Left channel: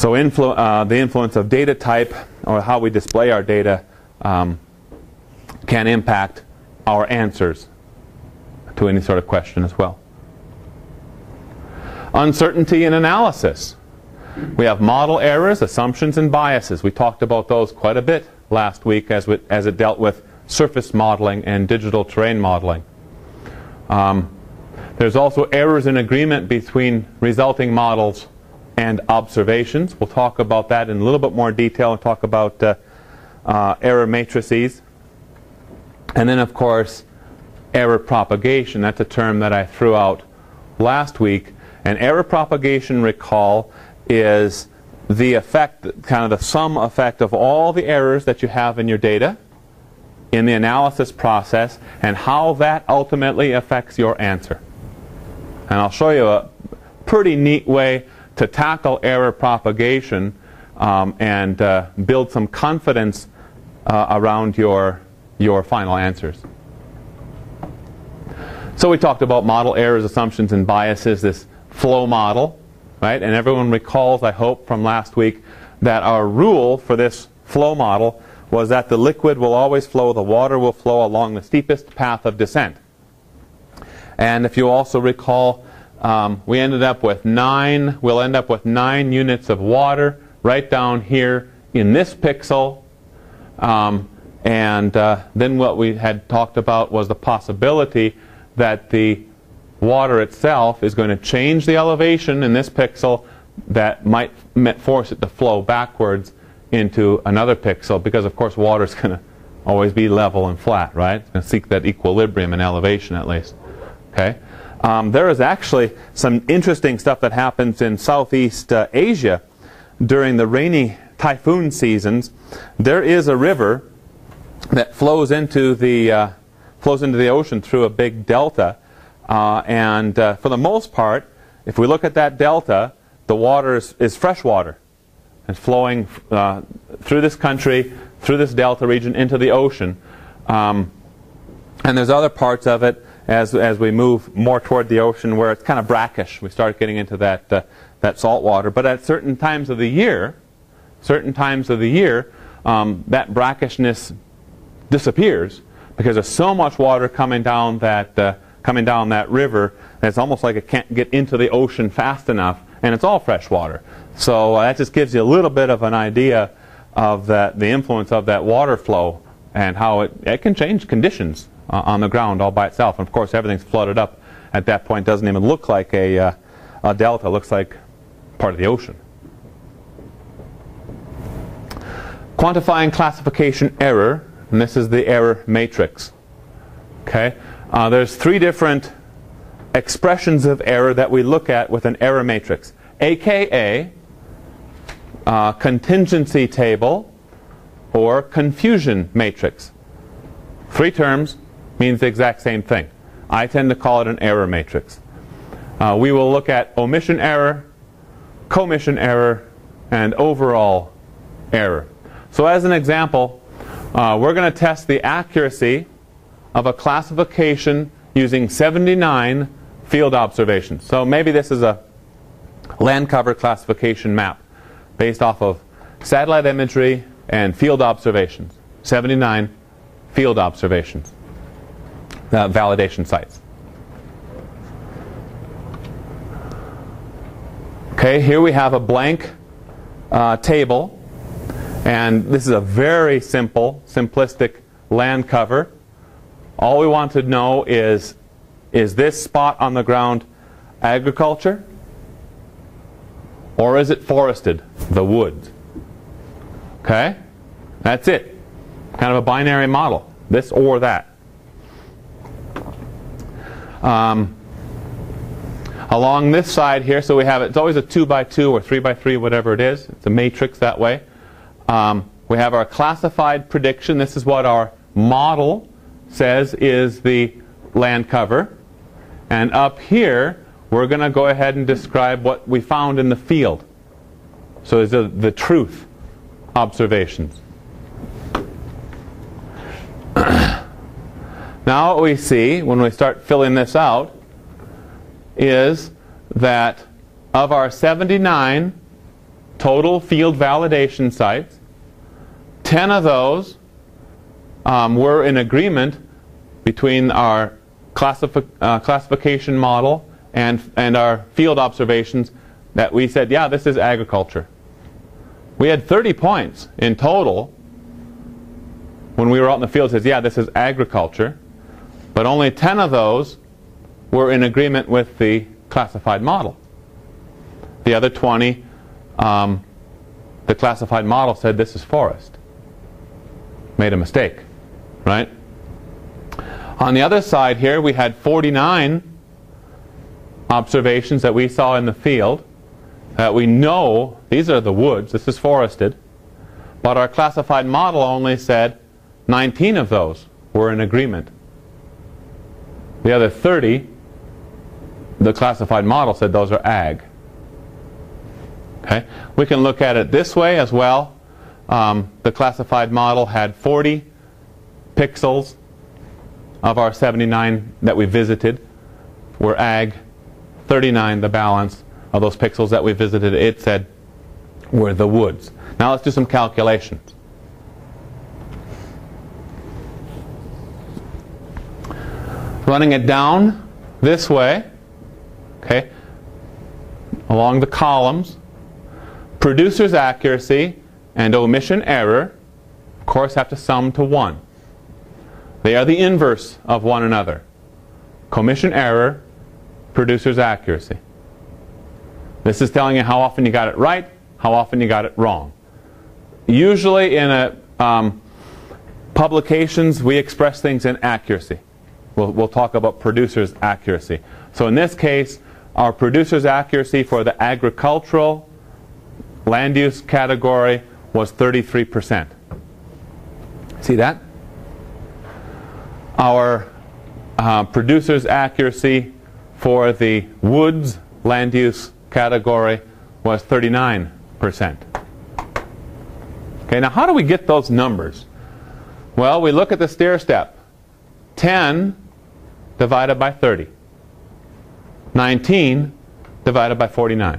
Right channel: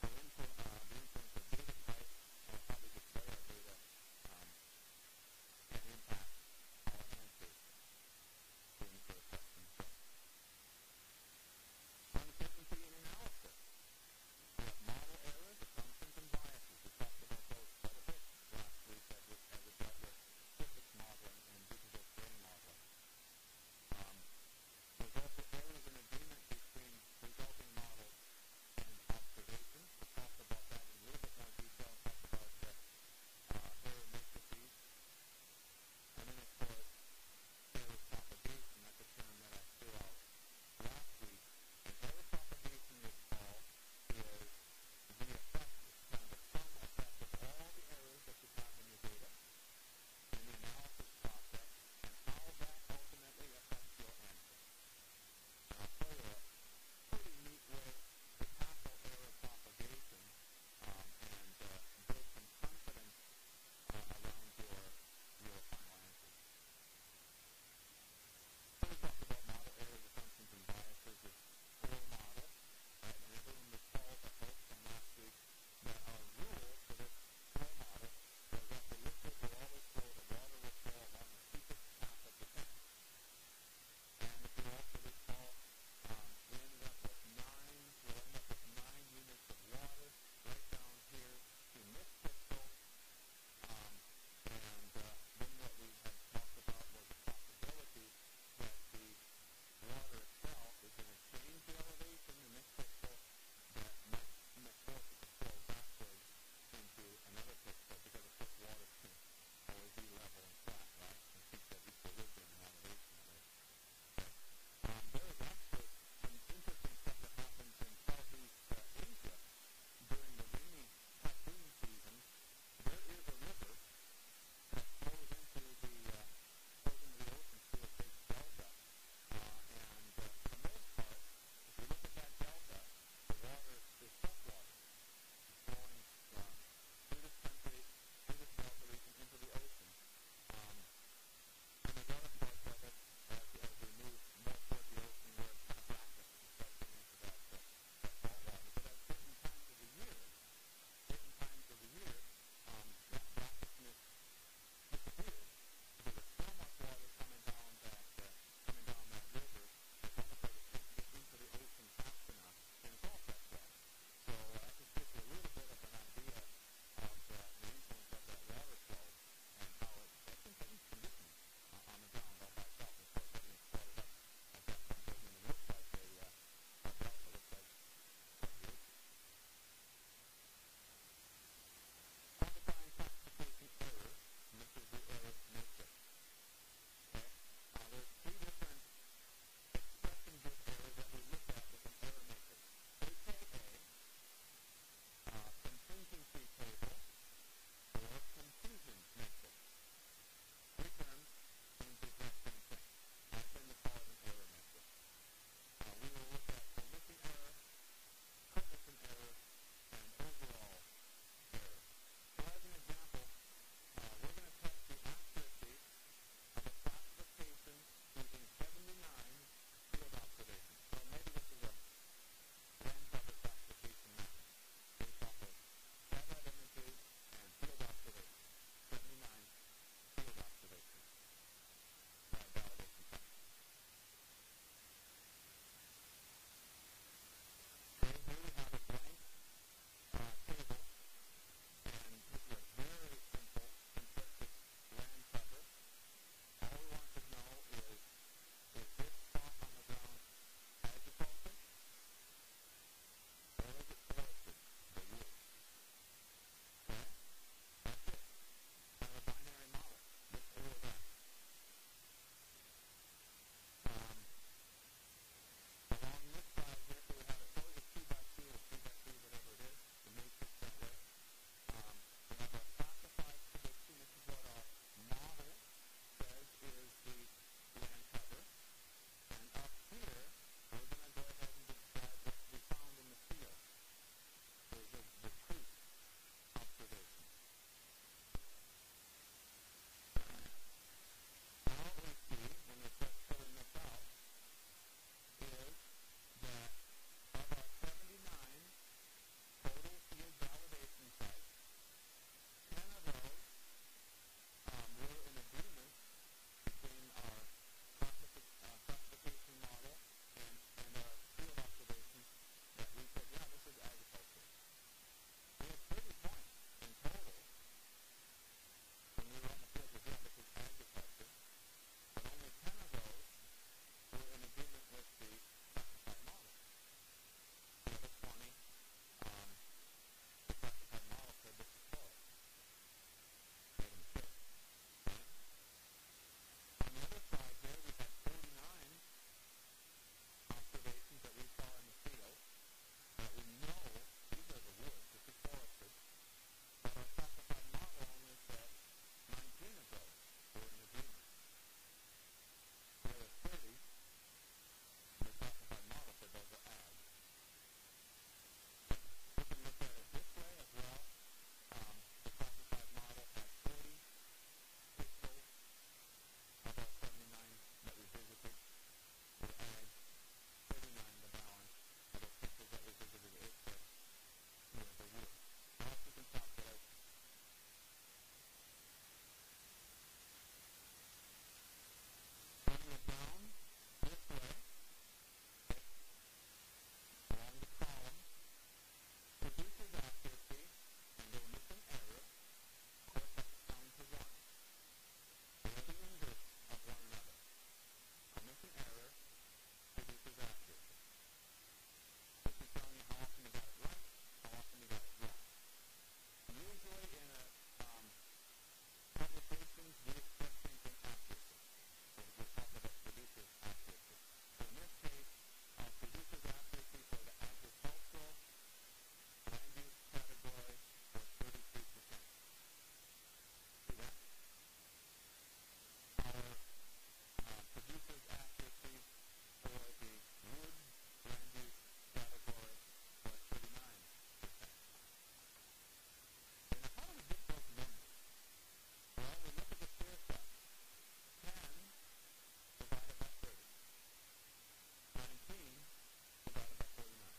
So the influence of data type, or how we display our data, can impact our answers to any sort of question as well. Uncertainty in analysis. We have model errors, assumptions, and biases. We talked about those quite a bit last week as it dealt with surface modeling and digital terrain modeling. There's also errors in agreement between resulting models and observations. We'll talk about that in a little bit more detail and talk about error matrices. And then, of course, error propagation. That's a term that I threw out last week. And error propagation, recall, is the effect, kind of the sum effect of all the errors that you have in your data in the analysis process and how that ultimately affects your answer. And I'll show you a pretty neat way to tackle error propagation and build some confidence around your final answers. So we talked about model errors, assumptions, and biases, this flow model, right? And everyone recalls, I hope, from last week that our rule for this flow model was that the liquid will always flow, the water will flow along the steepest path of descent. And if you also recall, we'll end up with 9 units of water right down here in this pixel. Then what we had talked about was the possibility that the water itself is going to change the elevation in this pixel that might force it to flow backwards into another pixel, because of course water is going to always be level and flat, right? It's going to seek that equilibrium in elevation at least. Okay? There is actually some interesting stuff that happens in Southeast Asia during the rainy typhoon seasons. There is a river that flows into the ocean through a big delta, and for the most part, if we look at that delta, the water is fresh water. It's flowing through this country, through this delta region into the ocean, and there's other parts of it as we move more toward the ocean where it's kind of brackish. We start getting into that salt water. But at certain times of the year, that brackishness disappears because there's so much water coming down that river that it's almost like it can't get into the ocean fast enough, and it's all fresh water. So that just gives you a little bit of an idea of the influence of that water flow and how it can change conditions on the ground all by itself. And of course, everything's flooded up at that point. Doesn't even look like a delta. It looks like part of the ocean. Quantifying classification error, and this is the error matrix. Okay, there's 3 different expressions of error that we look at with an error matrix, aka contingency table or confusion matrix. 3 terms means the exact same thing. I tend to call it an error matrix. We will look at omission error, commission error, and overall error. So as an example, we're going to test the accuracy of a classification using 79 field observations. So maybe this is a land cover classification map based off of satellite imagery and field observations. 79 field observations, validation sites. Okay, here we have a blank table, and this is a very simple, simplistic land cover. All we want to know is this spot on the ground agriculture, or is it forested, the woods? Okay, that's it. Kind of a binary model, this or that. Along this side here, so we have it's always a 2x2 or 3x3, whatever it is. It's a matrix that way. We have our classified prediction. This is what our model says is the land cover. And up here, we're going to go ahead and describe what we found in the field. So these are the truth observations. Now what we see when we start filling this out is that of our 79 total field validation sites. 10 of those were in agreement between our classification model and our field observations that we said, yeah, this is agriculture. We had 30 points in total when we were out in the field that says, yeah, this is agriculture. But only 10 of those were in agreement with the classified model. The other 20, the classified model said this is forest. Made a mistake, right? On the other side here, we had 49 observations that we saw in the field that we know these are the woods, this is forested, but our classified model only said 19 of those were in agreement. The other 30, the classified model said those are ag. Okay? We can look at it this way as well. The classified model had 40 pixels of our 79 that we visited were ag. 39, the balance of those pixels that we visited, it said were the woods. Now let's do some calculations. Running it down this way, okay, along the columns, producer's accuracy and omission error, of course, have to sum to 1. They are the inverse of one another. Commission error, producer's accuracy. This is telling you how often you got it right, how often you got it wrong. Usually in publications, we express things in accuracy. We'll talk about producer's accuracy. So in this case, our producer's accuracy for the agricultural land use category was 33%. See that? Our producer's accuracy for the woods land use category was 39%. Okay, now how do we get those numbers? Well, we look at the stair step. 10 divided by 30. 19 divided by 49.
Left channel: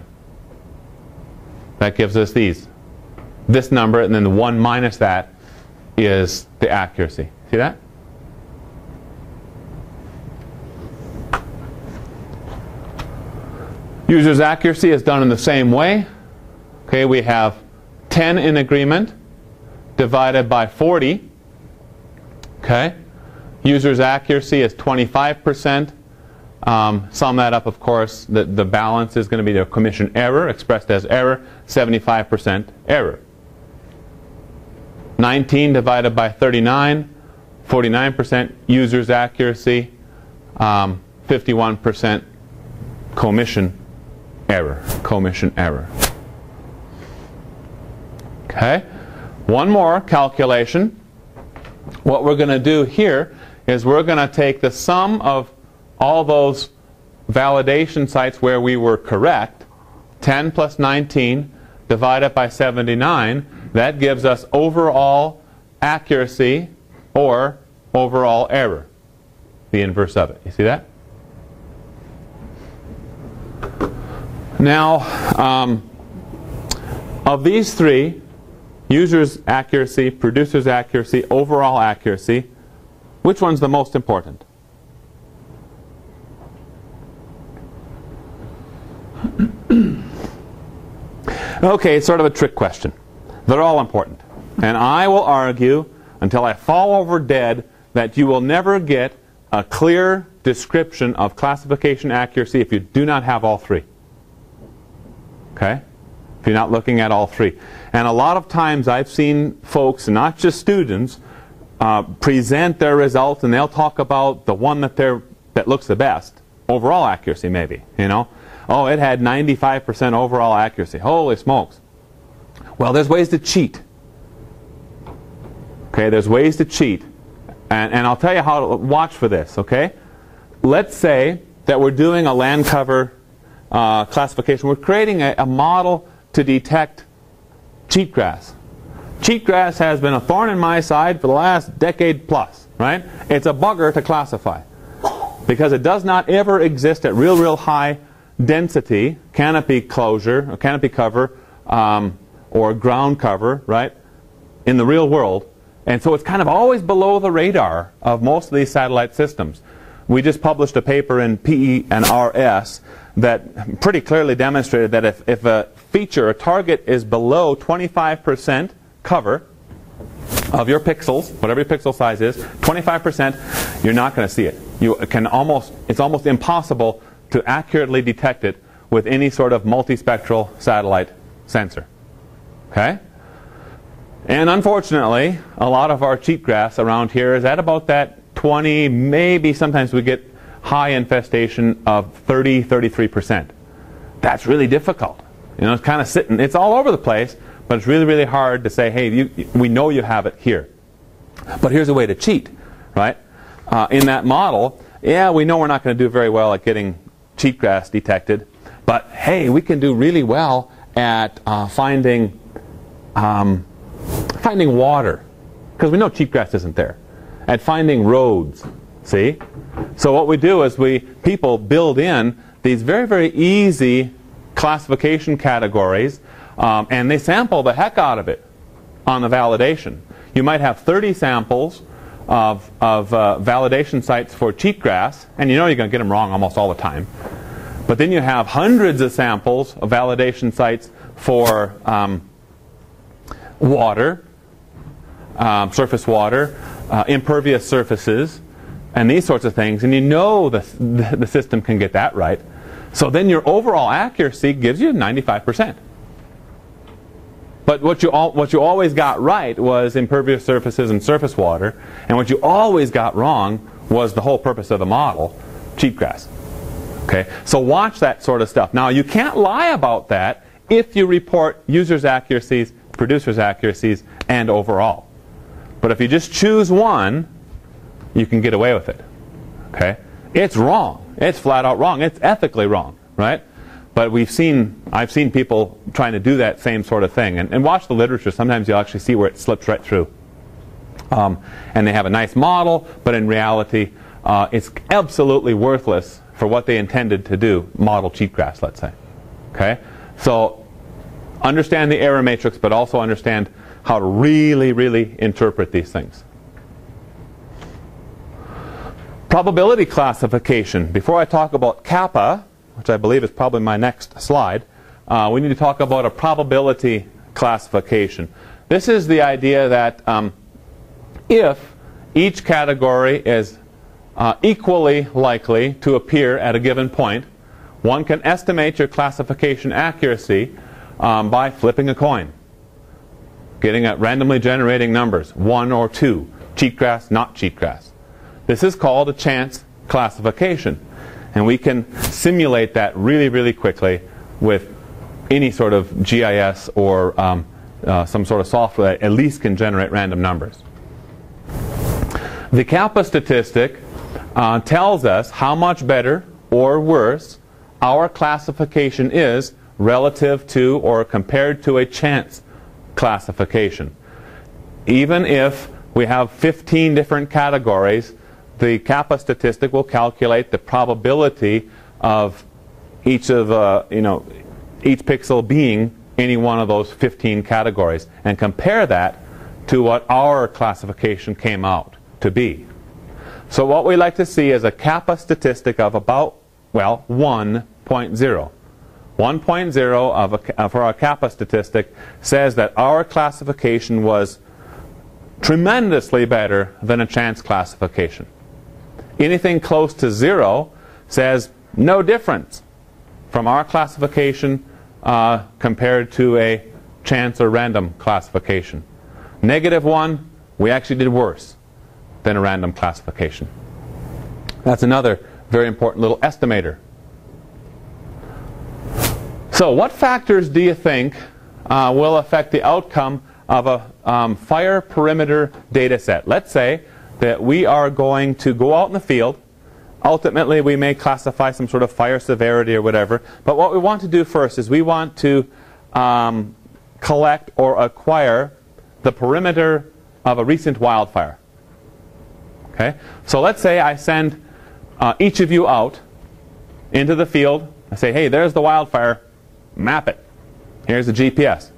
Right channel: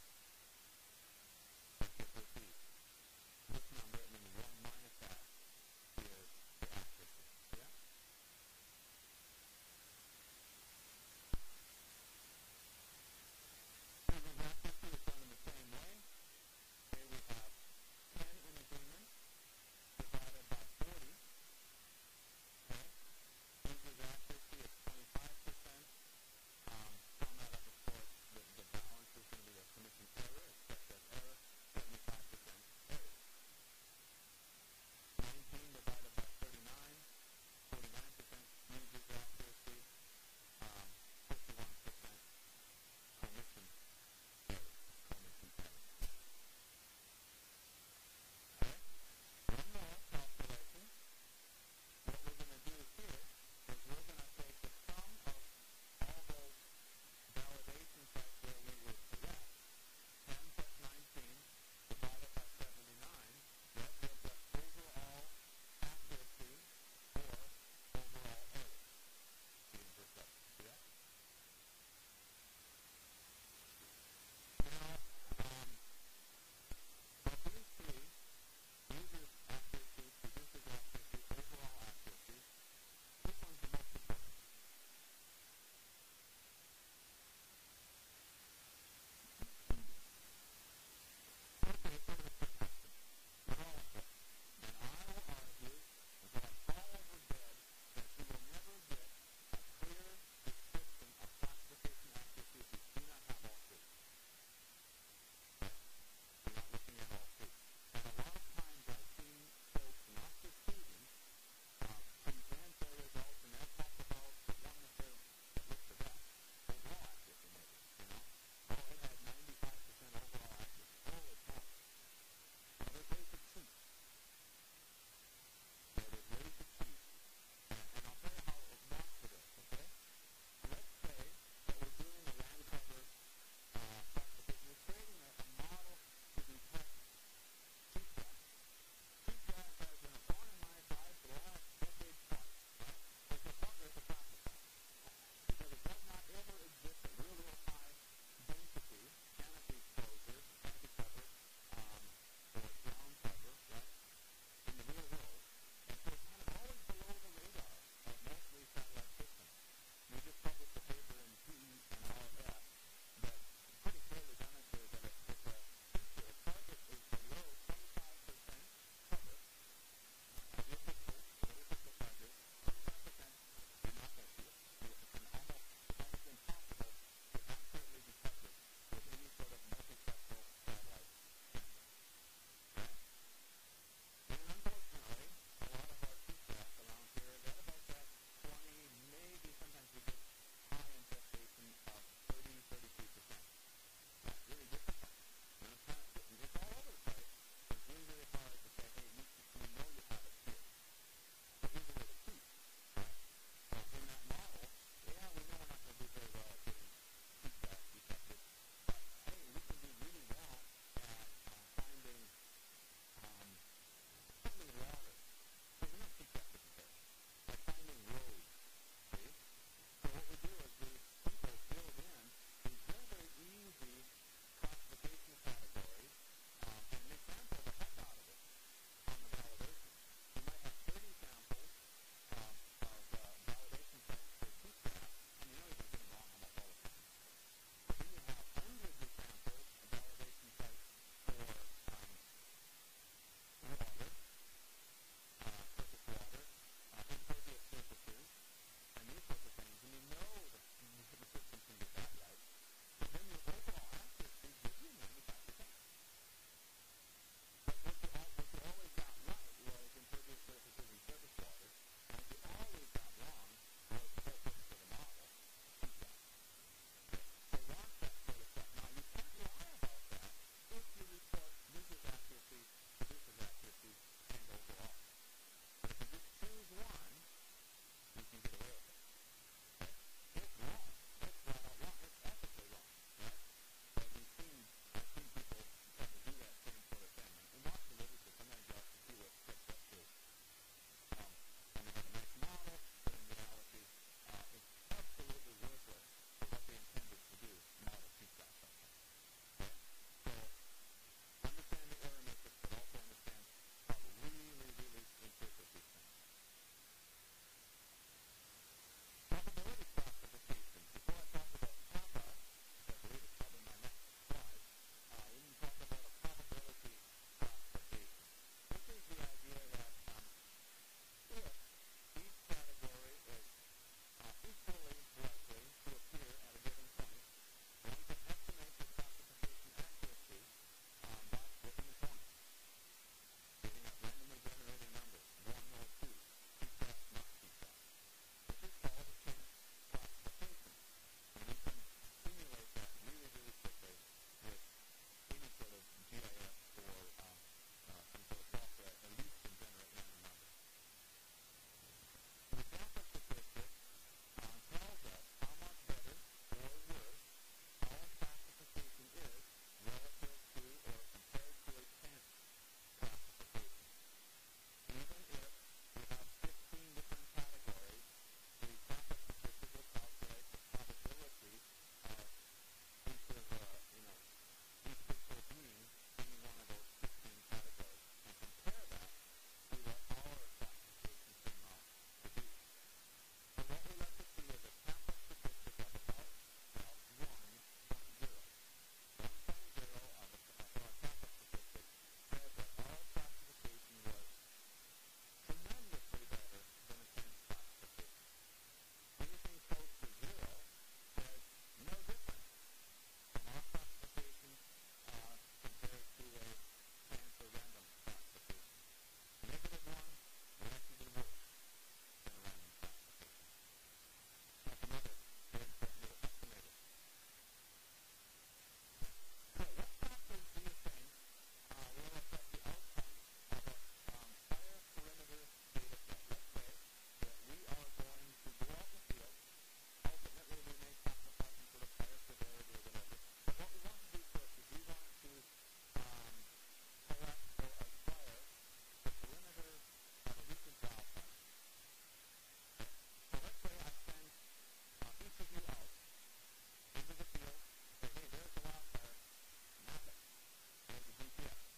That gives us this number, and then the 1 minus that is the accuracy. See that? User's accuracy is done in the same way. Okay, we have 10 in agreement divided by 40. Okay, user's accuracy is 25%. Sum that up, of course, the balance is going to be the commission error, expressed as error, 75% error. 19 divided by 39, 49% user's accuracy, 51% commission error. Okay, one more calculation. What we're going to do here is we're going to take the sum of all those validation sites where we were correct, 10 plus 19 divided by 79, that gives us overall accuracy or overall error, the inverse of it. You see that? Now, of these three, user's accuracy, producer's accuracy, overall accuracy, which one's the most important? Okay, it's sort of a trick question. They're all important. And I will argue until I fall over dead that you will never get a clear description of classification accuracy if you do not have all three. Okay? If you're not looking at all three. And a lot of times I've seen folks, not just students, present their results and they'll talk about the one that looks the best. Overall accuracy, maybe. You know? Oh, it had 95% overall accuracy. Holy smokes. Well, there's ways to cheat. Okay, there's ways to cheat. And I'll tell you how to watch for this, okay? Let's say that we're doing a land cover classification. We're creating a model to detect cheatgrass. Cheatgrass has been a thorn in my side for the last decade plus, right? It's a bugger to classify because it does not ever exist at real high density, canopy closure, or canopy cover, or ground cover, right, in the real world. And so it's kind of always below the radar of most of these satellite systems. We just published a paper in PE and RS that pretty clearly demonstrated that if a feature, a target, is below 25% cover of your pixels, whatever your pixel size is, 25%, you're not going to see it. It's almost impossible to accurately detect it with any sort of multispectral satellite sensor. Okay? And unfortunately, a lot of our cheatgrass around here is at about that 20, maybe sometimes we get high infestation of 30, 33%. That's really difficult. You know, it's kind of sitting, it's all over the place, but it's really, really hard to say, hey, we know you have it here. But here's a way to cheat, right? In that model, yeah, we know we're not going to do very well at getting cheatgrass detected, but hey, we can do really well at finding water, because we know cheatgrass isn't there. At finding roads, see? So what we do is people build in these very, very easy classification categories, and they sample the heck out of it on the validation. You might have 30 samples of validation sites for cheatgrass, and you know you're going to get them wrong almost all the time. But then you have hundreds of samples of validation sites for water, surface water, impervious surfaces, and these sorts of things, and you know the system can get that right. So then your overall accuracy gives you 95%. But what you always got right was impervious surfaces and surface water, and what you always got wrong was the whole purpose of the model, cheatgrass. Okay? So watch that sort of stuff. Now, you can't lie about that if you report users' accuracies, producers' accuracies, and overall. But if you just choose one, you can get away with it. Okay? It's wrong. It's flat out wrong. It's ethically wrong, right? But I've seen people trying to do that same sort of thing. And watch the literature. Sometimes you'll actually see where it slips right through. And they have a nice model, but in reality, it's absolutely worthless for what they intended to do, model cheatgrass, let's say. Okay? So understand the error matrix, but also understand how to really, really interpret these things. Probability classification. Before I talk about kappa, which I believe is probably my next slide, we need to talk about a probability classification. This is the idea that if each category is equally likely to appear at a given point, one can estimate your classification accuracy by flipping a coin, getting at randomly generating numbers, 1 or 2, cheatgrass, not cheatgrass. This is called a chance classification. And we can simulate that really, really quickly with any sort of GIS or some sort of software that at least can generate random numbers. The kappa statistic tells us how much better or worse our classification is relative to or compared to a chance classification. Even if we have 15 different categories, the kappa statistic will calculate the probability of each pixel being any one of those 15 categories and compare that to what our classification came out to be. So what we like to see is a kappa statistic of about, well, 1.0. 1.0 for our kappa statistic says that our classification was tremendously better than a chance classification. Anything close to 0 says no difference from our classification compared to a chance or random classification. -1, we actually did worse than a random classification. That's another very important little estimator. So what factors do you think will affect the outcome of a fire perimeter data set? Let's say that we are going to go out in the field. Ultimately, we may classify some sort of fire severity or whatever. But what we want to do first is we want to collect or acquire the perimeter of a recent wildfire. Okay? So let's say I send each of you out into the field. I say, hey, there's the wildfire. Map it. Here's the GPS.